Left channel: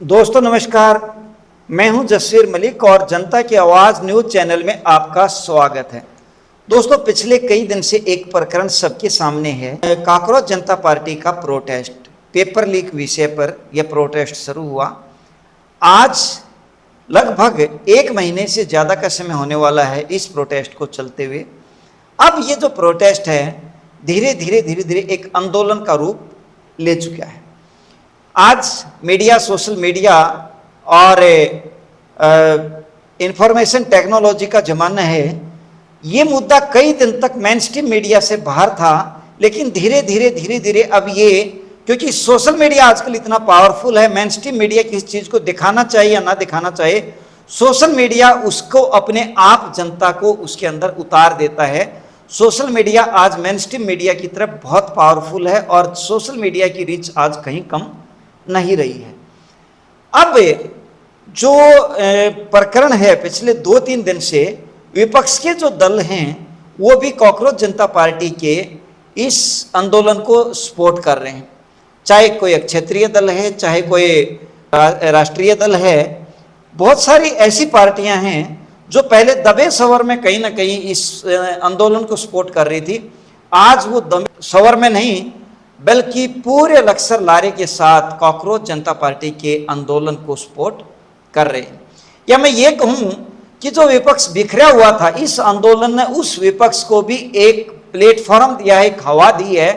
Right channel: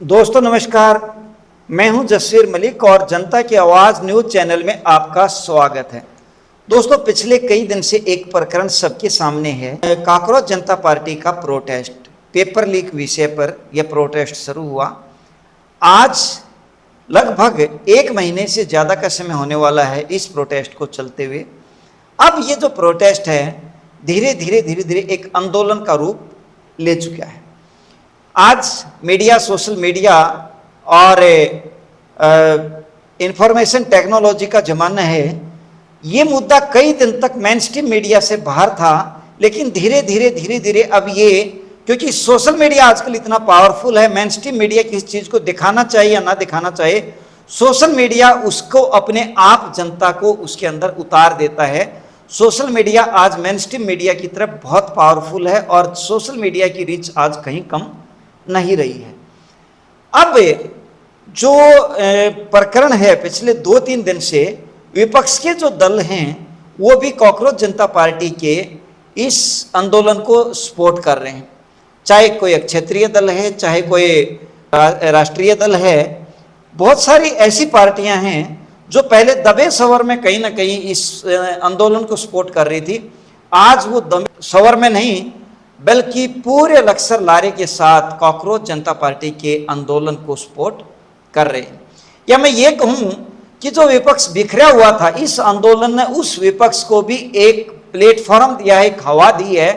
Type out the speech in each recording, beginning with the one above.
दोस्तों नमस्कार, मैं हूं जसवीर मलिक और जनता की आवाज़ न्यूज़ चैनल में आपका स्वागत है। दोस्तों पिछले कई दिन से एक प्रकरण सबके सामने है। कॉकरोच जनता पार्टी का प्रोटेस्ट, पेपर लीक विषय पर यह प्रोटेस्ट शुरू हुआ। आज लगभग 1 महीने से ज़्यादा का समय होने वाला है इस प्रोटेस्ट को चलते हुए। अब ये जो प्रोटेस्ट है धीरे धीरे एक आंदोलन का रूप ले चुका है। आज मीडिया, सोशल मीडिया और इंफॉर्मेशन टेक्नोलॉजी का ज़माना है। ये मुद्दा कई दिन तक मेन स्ट्रीम मीडिया से बाहर था, लेकिन धीरे धीरे अब ये, क्योंकि सोशल मीडिया आजकल इतना पावरफुल है, मेन स्ट्रीम मीडिया किसी चीज़ को दिखाना चाहिए या ना दिखाना चाहिए, सोशल मीडिया उसको अपने आप जनता को उसके अंदर उतार देता है। सोशल मीडिया आज मेन स्ट्रीम मीडिया की तरफ बहुत पावरफुल है और सोशल मीडिया की रीच आज कहीं कम नहीं रही है। अब जो प्रकरण है, पिछले 2-3 दिन से विपक्ष के जो दल हैं वो भी कॉकरोच जनता पार्टी के इस आंदोलन को सपोर्ट कर रहे हैं। चाहे कोई क्षेत्रीय दल है, चाहे कोई राष्ट्रीय दल है, बहुत सारी ऐसी पार्टियां हैं जो पहले दबे सवर में कहीं ना कहीं इस आंदोलन को सपोर्ट कर रही थी। आज वो दबे सवर में नहीं बल्कि पूरे लक्सर लारे के साथ कॉकरोच जनता पार्टी के आंदोलन को सपोर्ट कर रहे हैं। या मैं ये कहूं कि जो विपक्ष बिखरा हुआ था, इस आंदोलन ने उस विपक्ष को भी एक प्लेटफॉर्म दिया है, एक हवा दी है।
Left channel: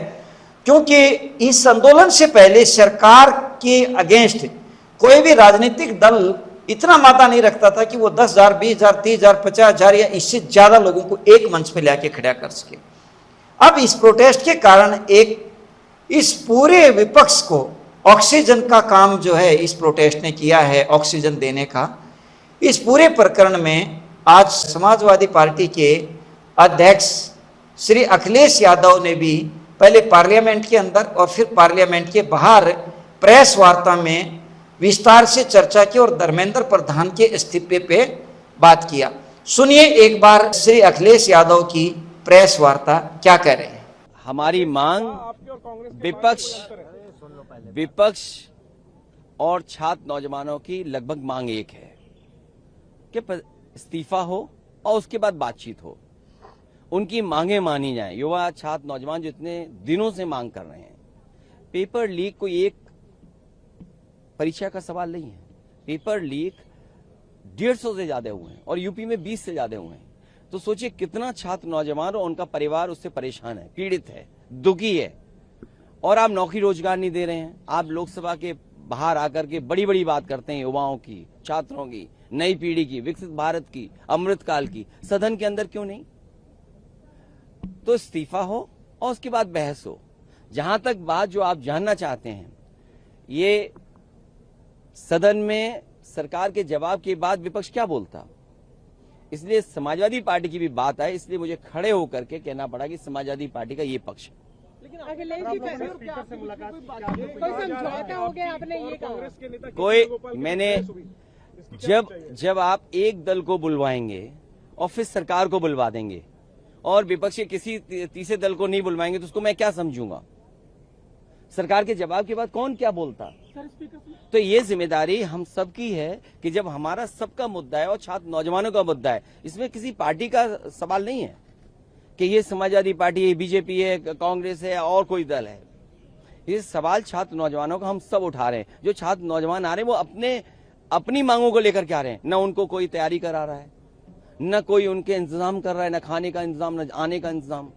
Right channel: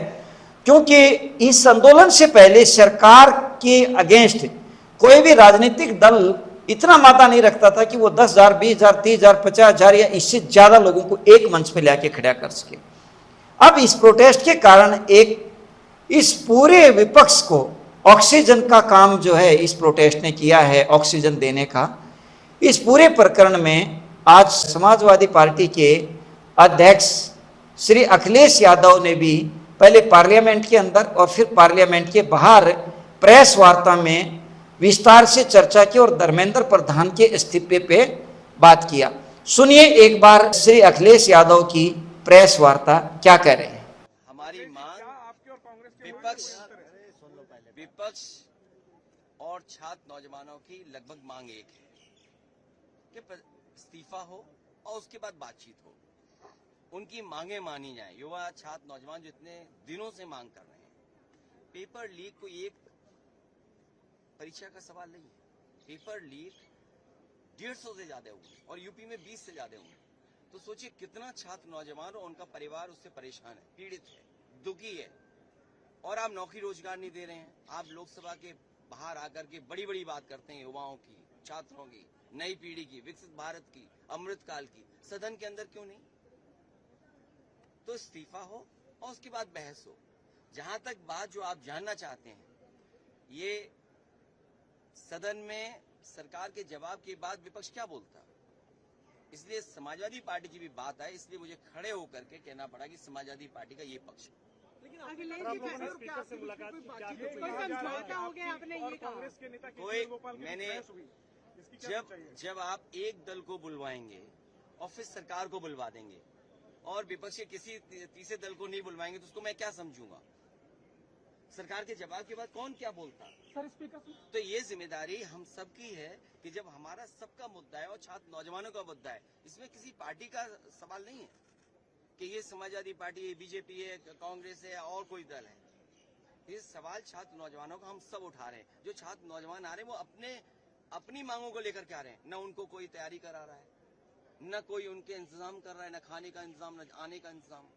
क्योंकि इस आंदोलन से पहले सरकार के अगेंस्ट कोई भी राजनीतिक दल इतना मादा नहीं रखता था कि वो 10,000, 20,000, 30,000, 50,000 या इससे ज्यादा लोगों को एक मंच पर लाके खड़ा कर सके। अब इस प्रोटेस्ट के कारण इस पूरे विपक्ष को ऑक्सीजन का काम जो है इस प्रोटेस्ट ने किया है, ऑक्सीजन देने का। इस पूरे प्रकरण में आज समाजवादी पार्टी के अध्यक्ष श्री अखिलेश यादव ने भी पहले पार्लियामेंट के अंदर और फिर पार्लियामेंट के बाहर प्रेस वार्ता में विस्तार से चर्चा की और धर्मेंद्र प्रधान के इस्तीफे पे बात किया। सुनिए एक बार श्री अखिलेश यादव की प्रेस वार्ता क्या कह रहे हैं। हमारी मांग विपक्ष और छात्र नौजवानों की लगभग मांग एक है कि इस्तीफा हो और उसके बाद बातचीत हो, उनकी मांगे मानी जाएं। युवा, छात्र, नौजवान जो इतने दिनों से मांग कर रहे हैं। पेपर लीक कोई एक परीक्षा का सवाल नहीं है। पेपर लीक 150 से ज्यादा हुए हैं और यूपी में 20 से ज्यादा हुए हैं। तो सोचिए कितना छात्र, नौजवान और उनका परिवार उससे परेशान है, पीड़ित है, दुखी है। और आप नौकरी रोजगार नहीं दे रहे हैं। आप लोकसभा के बाहर आकर के बड़ी बड़ी बात करते हैं युवाओं की, छात्रों की, नई पीढ़ी की, विकसित भारत की, अमृतकाल की। सदन के अंदर क्यों नहीं? तो इस्तीफा हो और उसके बाद बहस हो। जहां तक बात जो आप जानना चाहते हैं, ये सदन में सरकार के जवाब के बाद विपक्ष क्या बोलता, इसलिए समाजवादी पार्टी की भी बात आई, इसलिए मुझे खड़े होकर के कहना पड़ा कि समाजवादी पार्टी का ये पक्ष है। मैंने जब आप एक दल को बुलवाएंगे और फिर सरकार को बुलवा देंगे और विपक्ष के किसी तीसरे दल को नहीं बुलवाएंगे तो उसको मैं क्या समझूंगा? सरकार के जवाब के बाद कौन क्या बोलता? तो ये जिम्मेदारी हम सबकी है कि जब हमारा सबका मुद्दा है और छात्र नौजवानों का मुद्दा है, इसमें किसी पार्टी का सवाल नहीं है कि ये समाजवादी पार्टी है, बीजेपी है, कांग्रेस है और कोई दल है। ये सवाल छात्र नौजवानों का हम सब उठा रहे हैं। जो छात्र नौजवान आ रहे हैं वो अपनी मांगों को लेकर के आ रहे हैं। न उनको कोई तैयारी करा रहा है, न कोई उनके इंतजाम कर रहा है, न खाने का इंतजाम, न आने का इंतजाम।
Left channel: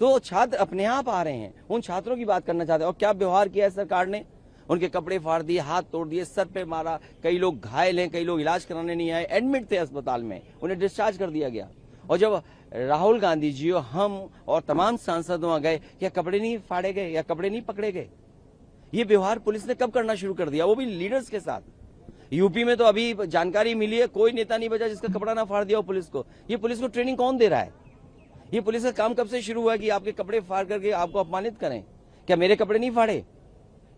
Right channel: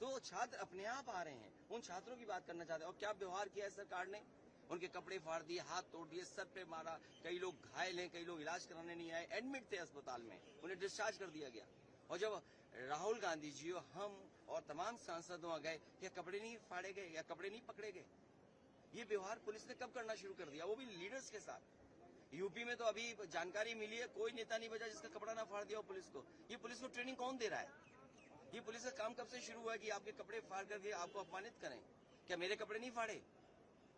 तो छात्र अपने आप आ रहे हैं। उन छात्रों की बात करना चाहते हैं। और क्या व्यवहार किया है सरकार ने? उनके कपड़े फाड़ दिए, हाथ तोड़ दिए, सर पे मारा। कई लोग घायल हैं, कई लोग इलाज कराने नहीं आए, एडमिट थे अस्पताल में, उन्हें डिस्चार्ज कर दिया गया। और जब राहुल गांधी जी और हम और तमाम सांसद वहां गए, क्या कपड़े नहीं फाड़े गए या कपड़े नहीं पकड़े गए? ये व्यवहार पुलिस ने कब करना शुरू कर दिया, वो भी लीडर्स के साथ? यूपी में तो अभी जानकारी मिली है, कोई नेता नहीं बचा जिसका कपड़ा ना फाड़ दिया हो पुलिस को। ये पुलिस को ट्रेनिंग कौन दे रहा है? ये पुलिस का काम कब से शुरू हुआ कि आपके कपड़े फाड़ करके आपको अपमानित करें? क्या मेरे कपड़े नहीं फाड़े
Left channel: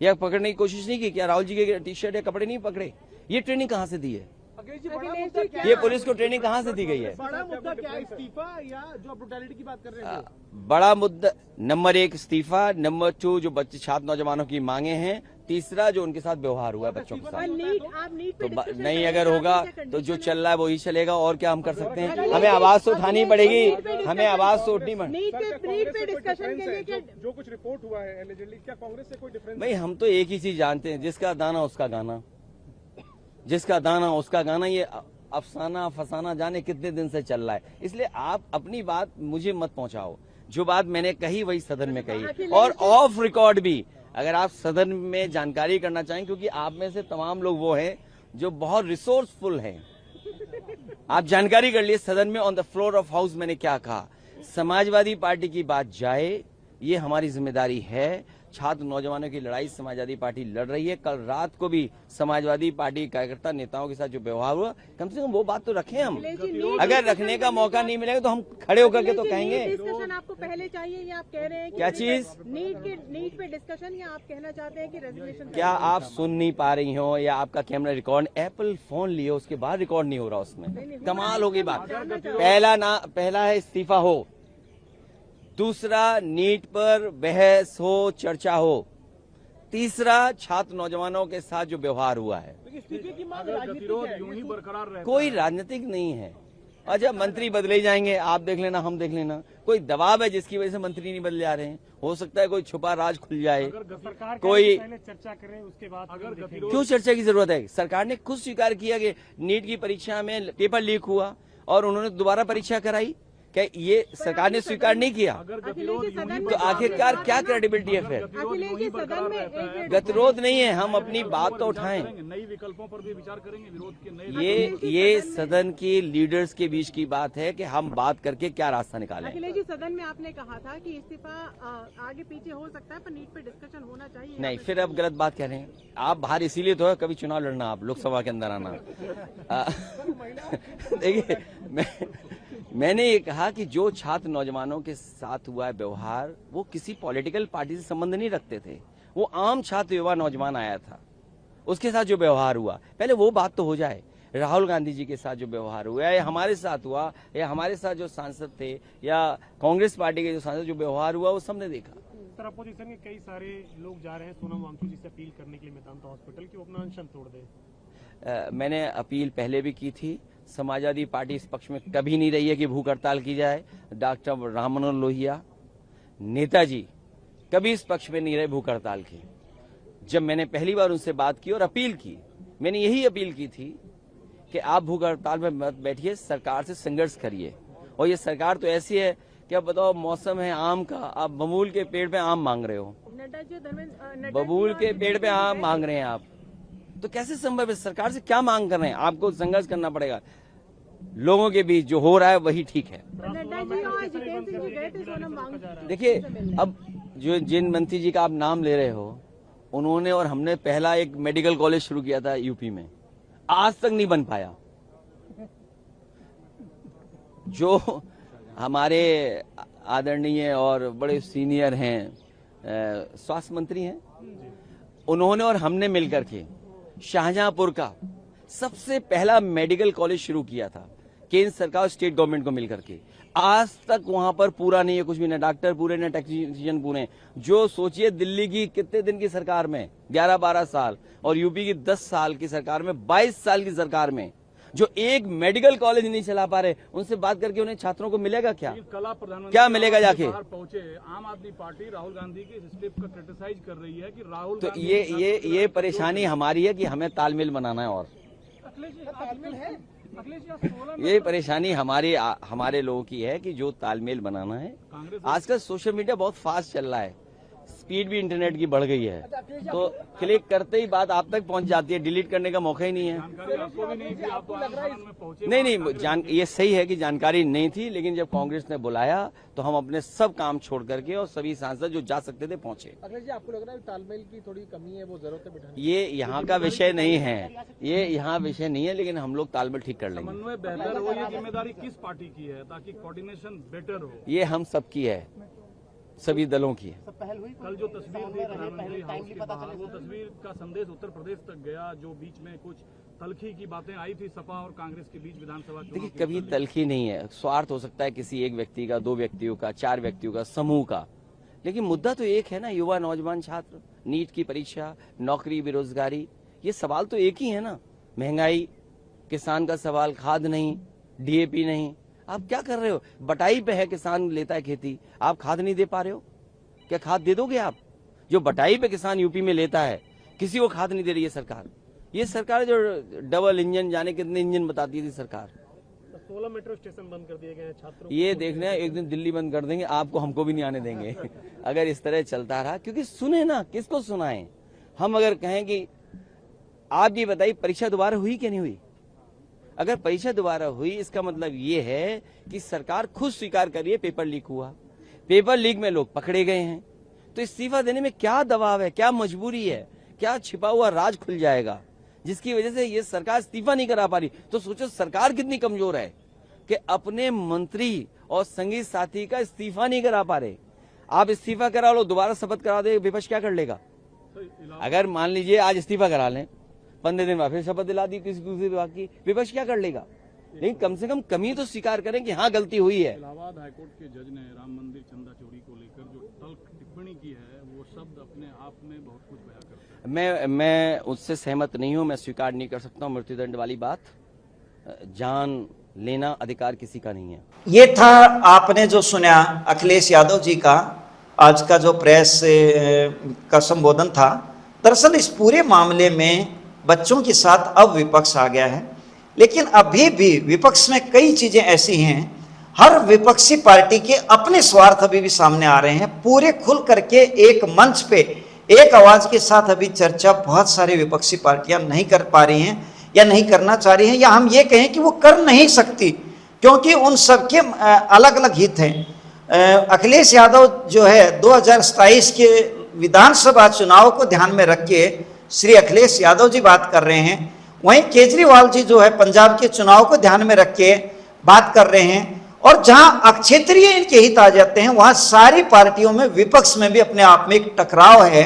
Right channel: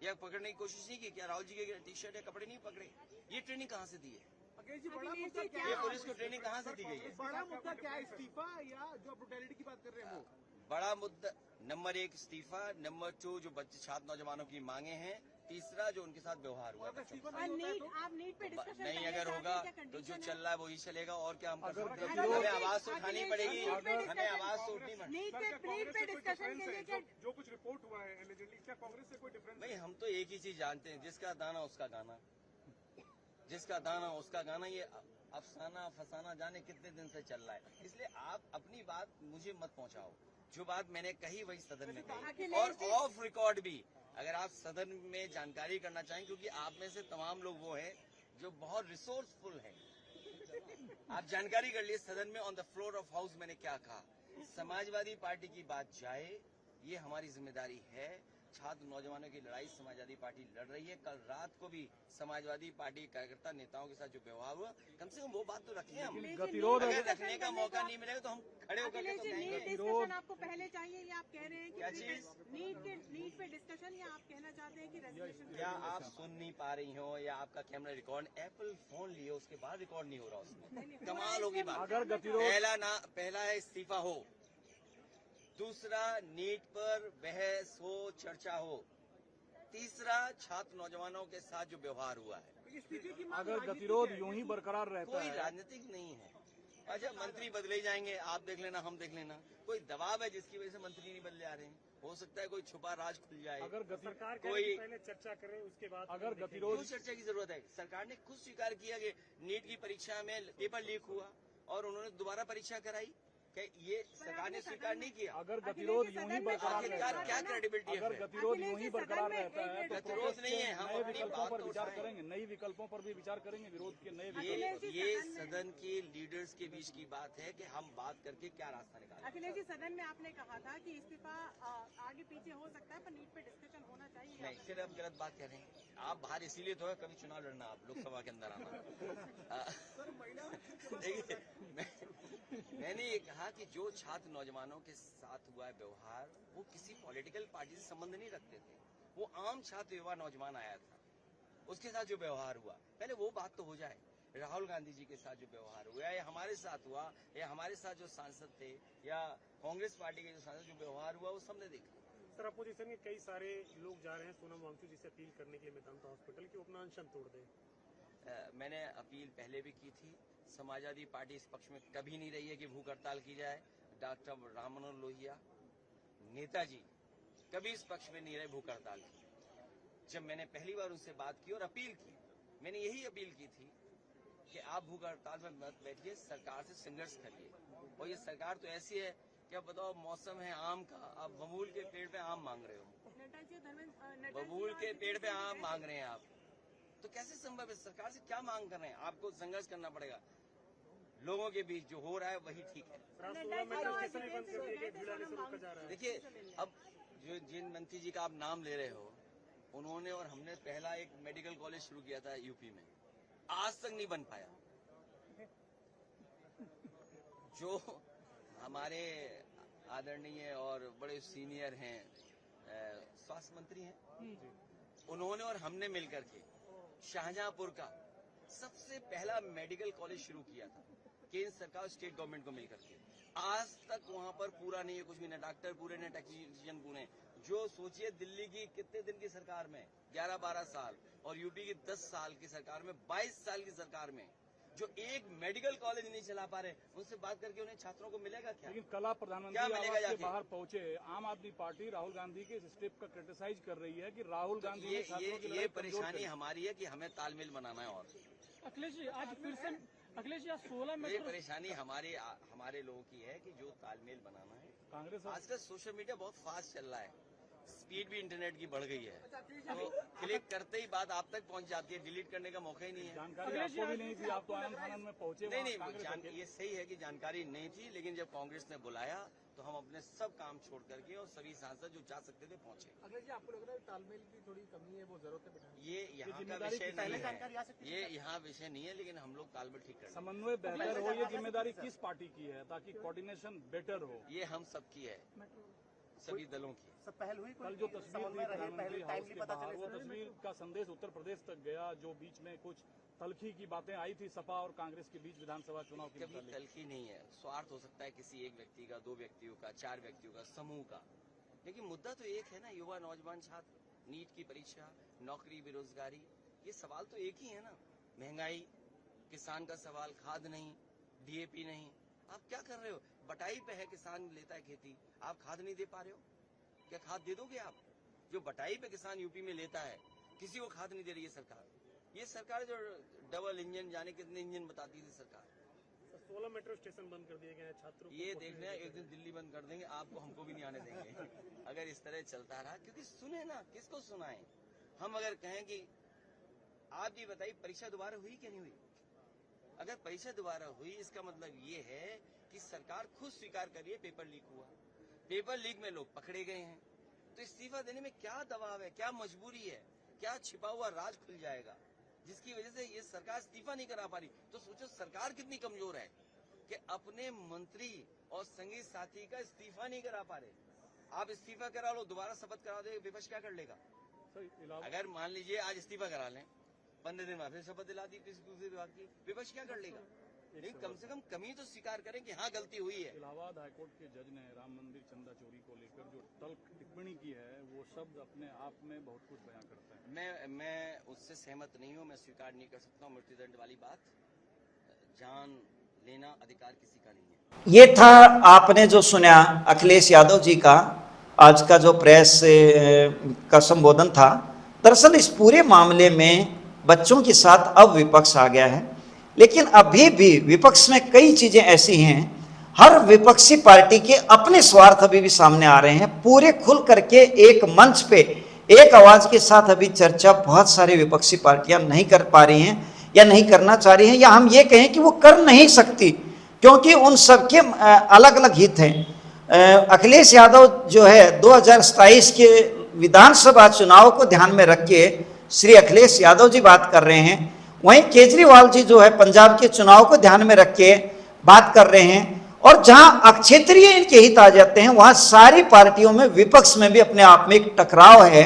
या पकड़ने की कोशिश नहीं की? क्या राहुल जी के टी शर्ट या कपड़े नहीं पकड़े? ये ट्रेनिंग कहां से दी है? ये पुलिस को ट्रेनिंग कहां से दी गई है? बड़ा मुद्दा क्या है, इस्तीफा या जो ब्रुटैलिटी की बात कर रहे हैं? बड़ा मुद्दा नंबर 1 इस्तीफा, नंबर 2 जो बच्चे छात्र नौजवानों की मांगे हैं, तीसरा जो उनके साथ व्यवहार हुआ है बच्चों के और साथ, नीट आप नीट पे तो discussion नहीं करें, अगर आपकी होगा क्या तो जो condition चल रहा है वही चलेगा, और क्या हम कर सकते हैं? है? हमें आवाज तो उठानी पड़ेगी, नीट पे हमें discussion आवाज तो करें। उठनी पड़ेगी। नीट सर, क्या पे कांग्रेस से कोई डिस्कशन डिफरेंस के लिए है? क्या जो कुछ रिपोर्ट हुआ है एलिजिडली, क्या कांग्रेस से कोई डिफरेंस भाई हम तो एक ही चीज जानते हैं, जिसका दाना उसका गाना, जिसका दाना उसका गाना। ये अफसाना फसाना जाने कितने दिन से चल रहा है, इसलिए आप अपनी बात मुझे मत पहुंचाओ। जो बात मैंने कही वही सदन में कही, और ऑफ रिकॉर्ड भी अगर आप सदन में जानकारी करना चाहें, क्योंकि आप में से तमाम लोग वो हैं जो बहुत रिसोर्सफुल हैं, आप जानकारी कर लिए सदन में on the floor of house मैंने क्या कहा। समाजवादी पार्टी की बात जाए, ये हमारी जिम्मेदारी है। छात्र नौजवानों की लड़ाई समाजवादी पार्टी लड़ रही है। कल रात को भी समाजवादी पार्टी कार्यकर्ता नेताओं के साथ जो व्यवहार हुआ, कम से कम वो बात तो रखें हम। अगर रखने का मौका नहीं मिलेगा तो हम खड़े होकर के तो कहेंगे। डिस्कशन आपको पहले चाहिए या आप कह रहे हैं कि क्या चीज? नीट पे डिस्कशन, या आप कहना चाहते हैं कि रेजोल्यूशन? क्या आप सुन नहीं पा रही हो, या आपका कैमरा रिकॉर्ड, एप्पल फोन लिए उसके बाद रिकॉर्ड नहीं हो रहा उसमें? कमाल होगी बात। पहला है इस्तीफा हो, दूसरा नीट पर बहस हो, चर्चा हो, तीसरा छात्र नौजवानों के साथ जो व्यवहार हुआ है। इस्तीफे की मांग राजनीतिक है, कोई राजनीतिक नहीं है। और जब मंत्री बदले जाएंगे, आप देख लेना, हम देख लेना, कोई दबाव है जिसकी वजह से मंत्री नहीं बदले जा रहे हैं। हो सकता है कोई छुपा राज खुल जाए, कोई पहले चर्चा करें उसके बाद क्यों चर्चा की जरूरत है? सरकार ने खुद स्वीकार किया कि नीट की परीक्षा में पेपर लीक हुआ और उन्होंने दोबारा परीक्षा कराई। क्या ये सरकार ने स्वीकार नहीं किया? अखिलेश जी सदन में तो आखिरकार क्या क्रेडिबिलिटी है फिर? अखिलेश जी सदन में एक गतिरोध नहीं है, हम अपनी बात तो उठाएं। नई विकल्पों पर भी विचार करेंगे, विरोध के नए ये सदन के लीडर्स के बीच की बात है कि हम बात करके क्या रास्ता निकालें। अखिलेश जी सदन में आपने कहा था कि इस्तीफा आगे पीछे हो सकता है, पर नीट पे डिस्कशन होना चाहिए। नहीं, फिर अब गलत बात कह रहे हैं आप। बाहर इसीलिए तो है, कभी चुनाव लड़ना, आप लोकसभा के अंदर आना। देखिए, मैंने ये कहा कि जो छात्र नौजवानों के साथ हुआ है व्यवहार, वो किसी पॉलिटिकल पार्टी से संबंध नहीं रखते थे। वो आम छात्र युवा नौजवान आया था, उसके साथ जो व्यवहार हुआ, पहले वो बात तो हो जाए। राहुल गांधी जी के साथ जो व्यवहार हुआ, या हमारे साथ हुआ, या हमारे साथ जो सांसद थे, या कांग्रेस पार्टी के जो सांसद, जो व्यवहार हुआ वो सबने देखा। सर, अपोजिशन के कई सारे लोग जा रहे हैं सोनम वांगचुक जी से अपील करने के लिए मेदांता हॉस्पिटल की वो अपना अनशन तोड़ दें। मैंने अपील पहले भी की थी। समाजवादी पार्टी इस पक्ष में कभी नहीं रही है कि भूख हड़ताल की जाए। डॉक्टर राम मनोहर लोहिया, नेताजी कभी इस पक्ष में नहीं रहे भूख हड़ताल की। जब मैंने पहली बार उनसे बात की और अपील की, मैंने यही अपील की थी कि आप भूख हड़ताल में मत बैठिए, सरकार से संघर्ष करिए। और ये सरकार तो ऐसी है कि अब बताओ, मौसम है आम का, आप बबूल के पेड़ पे आम मांग रहे हो, नड्डा जी, धर्मेंद्र बबूल के पेड़ पे आम मांग रहे हैं आप, तो कैसे संभव है? सरकार से क्या मांग कर रहे हैं? आपको संघर्ष करना पड़ेगा। लोगों के बीच जो हो रहा है वही ठीक है। नड्डा जी और जितेंद्र सिंह जी गए थे सोनम वांगचुक। देखिए, अब जो जिन मंत्री जी का आप नाम ले रहे हो, उन्होंने और हमने पहला एक मेडिकल कॉलेज शुरू किया था यूपी में, आज तक नहीं बन पाया। जो हमारे आदरणीय और बड़े सीनियर हैं, स्वास्थ्य मंत्री हैं, उन्होंने और हमने मिलकर के शाहजहांपुर का सबसे पहला मेडिकल कॉलेज शुरू किया था, केंद्र सरकार और स्टेट गवर्नमेंट को मिलकर के। आज तक वहां पर पूरा नहीं है कुछ भी, ना डॉक्टर पूरे, ना टेक्नीशियन पूरे। जो सोचिए, दिल्ली की कितने दिन की सरकार में 11-12 साल, और यूपी की 10 साल की सरकार में, 22 साल की सरकार में जो एक मेडिकल कॉलेज नहीं चला पा रहे, उनसे बात करके उन्हें छात्रों को मिलेगा क्या? कला प्रधानमंत्री क्या मिलेगा जाके? पहुंचे आम आदमी पार्टी राहुल गांधी की इस स्टेप का क्रिटिसाइज कर रही है कि राहुल तो ये परेशानी हमारी है कि हमें तालमेल बनाना है, और ये परेशानी हमारे लोगों की है कि जो तालमेल बनाना है। आजकल सोशल मीडिया बहुत फास्ट चल रहा है, स्पीड भी इंटरनेट की बढ़ गई है, तो क्लिक करते ही बात आप तक पहुंच जाती है, डिलीट करने का मौका ही नहीं है। नहीं, ये सही है कि जानकारी नहीं थी, लेकिन जब कांग्रेस ने बुलाया तो हम अपने सब काम छोड़ करके और सभी सांसद जो जा सकते थे पहुंचे। अखिलेश जी, आपको लग रहा है तालमेल की थोड़ी कमी है, वो जरूरत है बिठाने ये यहाँ का विषय नहीं है, ये यहाँ विषय नहीं है, लेकिन हम लोग तालमेल ठीक कर लेंगे। समन्वय बेहतर हो, ये जिम्मेदारी किस पार्टी की है ताकि कोऑर्डिनेशन बेटर हो? ये हम सबकी है, सभी दलों की है। कल जो तस्वीर दी प्रधानमंत्री हाउस के बाहर, वो तस्वीर का संदेश उत्तर प्रदेश तक गया, जो बीच में कुछ तलखी की बातें आई थी सपा और कांग्रेस के बीच विधानसभा चुनाव। देखिए, कभी तलखी नहीं है, स्वार्थ हो सकता है किसी एक व्यक्ति का, 2 व्यक्तियों का, 4 व्यक्तियों का, समूह का, लेकिन मुद्दा तो एक है ना, युवा नौजवान छात्र, नीट की परीक्षा, नौकरी, बेरोजगारी, ये सवाल तो एक ही है ना। महंगाई, किसान का सवाल, खाद नहीं, डीएपी नहीं। आप क्या कर रहे हो? बटाई पे है, किसान लेता है खेती, आप खाद नहीं दे पा रहे हो। क्या खाद दे दोगे आप? जो बटाई पे किसान यूपी में लेता है, किसी को खाद नहीं दे रही है सरकार। ये सरकार जो डबल इंजन, जाने कितने इंजन बताती थी सरकार। 16 मेट्रो स्टेशन बंद कर दिए गए हैं छात्रों ये देखना है, एक दिन दिल्ली बंद कर देंगे, आपको हमको भी नहीं आने देंगे अगर इस तरह चलता रहा। क्योंकि सुने ना, किसको सुनाएं हम? अगर कहें कि आप ये बताइए परीक्षा दोबारा हुई कि नहीं हुई? अगर परीक्षा दोबारा हुई, इसका मतलब ये है कि सरकार खुद स्वीकार करिए पेपर लीक हुआ, पेपर लीक में लोग पकड़े गए हैं। तो इस्तीफा देने में क्या दबाव है, क्या मजबूरी है, क्या छिपा हुआ राज खुल जाएगा जिसकी वजह से ये सरकार इस्तीफा नहीं करा पा रही? तो सोचो सरकार कितनी कमजोर है कि अपने मंत्री और संगी साथी का इस्तीफा नहीं करा पा रहे। आप इस्तीफा करा लो, दोबारा शपथ करा दे, विपक्ष क्या कर लेगा? अगर मान लीजिए आज इस्तीफा करा लें, 15 दिन बाद फिर शपथ दिला दी किसी दूसरे विभाग की, विपक्ष क्या कर लेगा? लेकिन कम से कम कमी तो स्वीकार करें कि हाँ गलती हुई है। इलाहाबाद हाईकोर्ट के जज ने राम मंदिर चंदा चोरी को लेकर जो तल्ख टिप्पणी की है, वो शब्द अपने आप में बहुत कुछ बयां करता है। मैं उससे सहमत नहीं हूं, मैं स्वीकार नहीं कर सकता हूं मृत्युदंड वाली बात। जान लेना अधिकार किसी का नहीं है। ये था आपने जो सुना अखिलेश यादव जी का आज का जो प्रेस का संबोधन था। दरअसल इस पूरे मामले में बच्चों के साथ अब विपक्ष आ गया है, लेकिन अभी भी विपक्ष में कई चीजें ऐसी हैं, हर विपक्षी पार्टी के अपने स्वार्थ अभी भी सामने आ रहे हैं। पूरे खुल करके एक मंच पे एक आवाज के साथ अभी चर्चा बहुत सारी विपक्षी पार्टियां नहीं कर पा रही हैं या नहीं करना चाह रही हैं, या हम ये कहें कि वो कर नहीं सकती, क्योंकि उन सबके अलग अलग हित हैं। अखिलेश यादव जो है 2027 के विधानसभा चुनाव को ध्यान में रख के श्री अखिलेश यादव जी बात कर रहे हैं, वहीं केजरीवाल जी जो है पंजाब के चुनाव को ध्यान में रख के बात कर रहे हैं। और जहां क्षेत्रीय इनके हित आ जाते हैं, वहां सारी पार्टियों में, विपक्ष में भी अपने आप में एक टकराव है,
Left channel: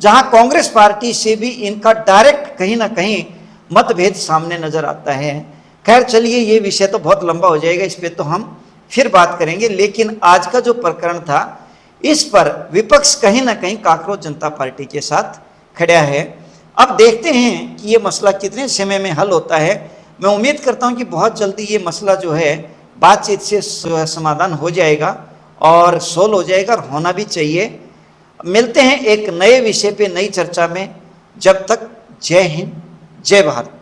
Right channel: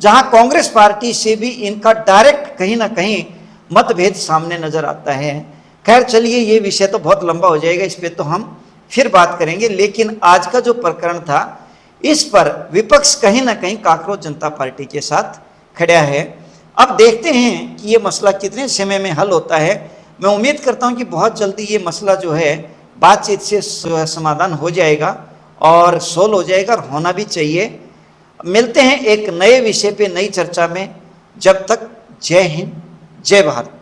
जहां कांग्रेस पार्टी से भी इनका डायरेक्ट कहीं ना कहीं मतभेद सामने नजर आता है। खैर चलिए, ये विषय तो बहुत लंबा हो जाएगा, इस पे तो हम फिर बात करेंगे। लेकिन आज का जो प्रकरण था, इस पर विपक्ष कहीं ना कहीं काकरोच जनता पार्टी के साथ खड़ा है। अब देखते हैं कि ये मसला कितने समय में हल होता है। मैं उम्मीद करता हूं कि बहुत जल्दी ये मसला जो है बातचीत से समाधान हो जाएगा और सोल्व हो जाएगा, और होना भी चाहिए। मिलते हैं एक नए विषय पे, नई चर्चा में। जब तक जय हिंद, जय भारत।